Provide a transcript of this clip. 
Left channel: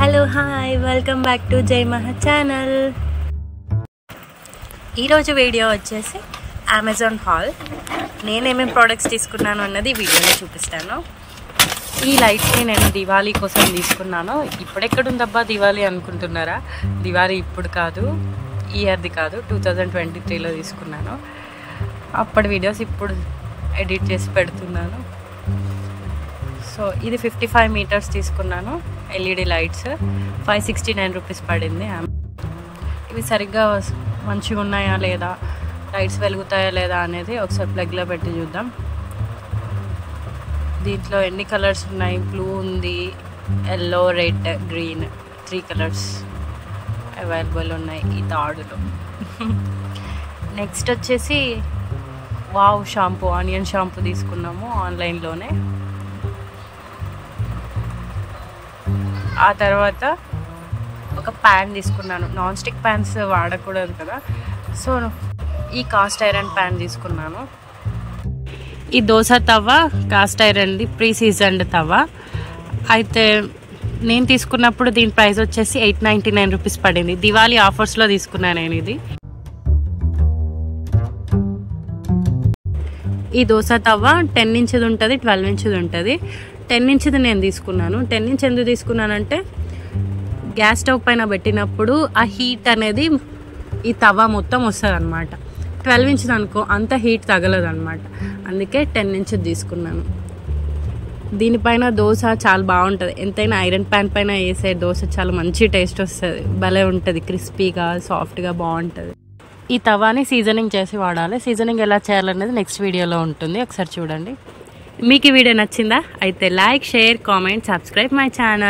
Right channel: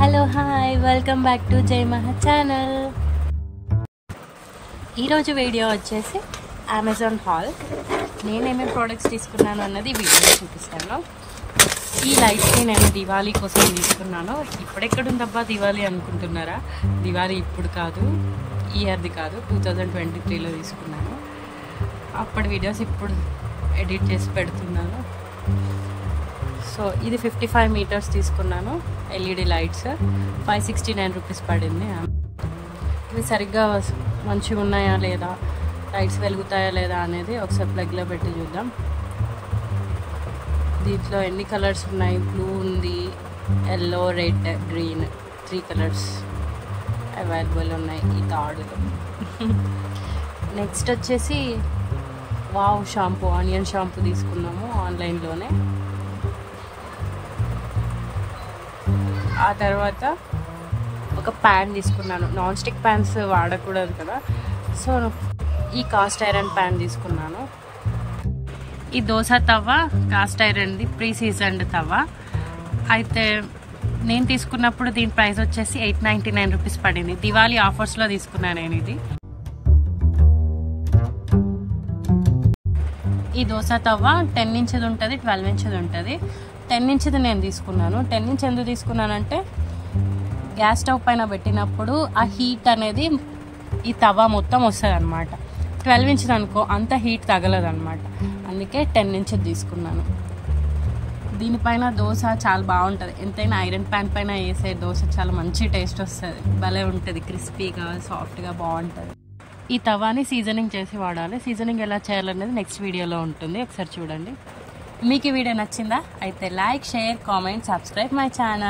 Hello hi welcome back to జై మహా channel. ఈరోజు వీడియో వచ్చేసి అమెజాన్ హాల్. నేనేమేమి ప్రోడక్ట్స్ తీసుకున్నాను అన్నది వీడియోలో చూపిస్తాను. ఈ లైట్స్ని నేను దివాళీ కోసం తీసుకున్నాను. ఇప్పుడెక్కడుందబ్బా దివాళీ అనుకుంటున్నారా? దివాళీ ఇప్పుడు కాదు, ఈ ఇయర్ది కాదు, 2023లో తీసుకున్నాను. అప్పటి వీడియోస్ ఇప్పుడు ఎడిట్ చేసి పెడుతున్నాను. సో ఇది 55 మీటర్స్ తీసుకున్నాను. ఎల్ఈడి లైట్స్ 569 రూపీస్ పడింది. ఇవి సరిగ్గా మంచిగా ఉన్నాయా లేదా, లైట్స్ వెలుగుతాయా లేదా అనేది ఒకసారి ప్లగ్లో పెట్టి చూద్దాం. దీంట్లో ఎన్ని కలర్స్ ఉన్నాయి? బ్లూ ఉంది, yellow, red, green, 3 colours available ఉన్నాయి ఈ తాడులో. నెక్స్ట్ వచ్చేసి వావ్ షాంపూ, ఆనియన్ షాంపూ తీసుకున్నాము ఆన్లైన్లోనే. ఆ తర్వాత ఒక ప్యాన్ తీసుకున్నాను. నాన్ స్టిక్ ప్యాన్స్ వాడకూడదు కదా, సో ఈ కాస్ట్ ఐరన్ ప్యాన్ తీసుకున్నాను. ఈ దోశ తవ్వ కాస్ట్ ఐరన్ది, ప్రీ సీజన్డ్ తవ్వ. అయితే నేను తీసుకున్నప్పుడు దీని ప్రైస్ వచ్చేసి 899 రూపీస్ పడింది. దివాళీ ఆఫర్స్లో తీసుకున్నాను నేను ఇది. ఈ దోశ తవ్వ 10 ఇంచుది ఉంటుంది, 12 ఇంచుది ఉంటుంది. 10 ఇంచుది నేను తీసుకున్నాను. 10 ఇంచ్ ఎందుకు తీసుకున్నానంటే గ్యాస్ స్టవ్ పైన పెట్టినప్పుడు ఆ హీట్ అనేది ఈ తవ్వ మొత్తం వస్తుంది అనమాట. 12 ఇంచుది అనుకో అంత హీట్ తగలదు అనమాట. అందుకే 10 ఇంచుది తీసుకున్నాను. దీనిపైన దోశ చాలా బాగుంటుంది. ఎంతైనా ఐరన్ ప్యాన్ పైన వేసే దోశ చాలా మంచి టేస్ట్ వస్తుంది. భలే ఉంటుంది, క్రిస్పీగా సాఫ్ట్గా బాగుంటుంది. ఈ తవాని సీజనింగ్ చేసి వాడాలి. సీజనింగ్ ఎలా చేయాలనేది నెక్స్ట్ వీడియోలో ఉంటుంది, ఒకసారి చూడండి. మీకు ఈ వీడియో నచ్చిందా? అయితే like, share, comment, subscribe my channel.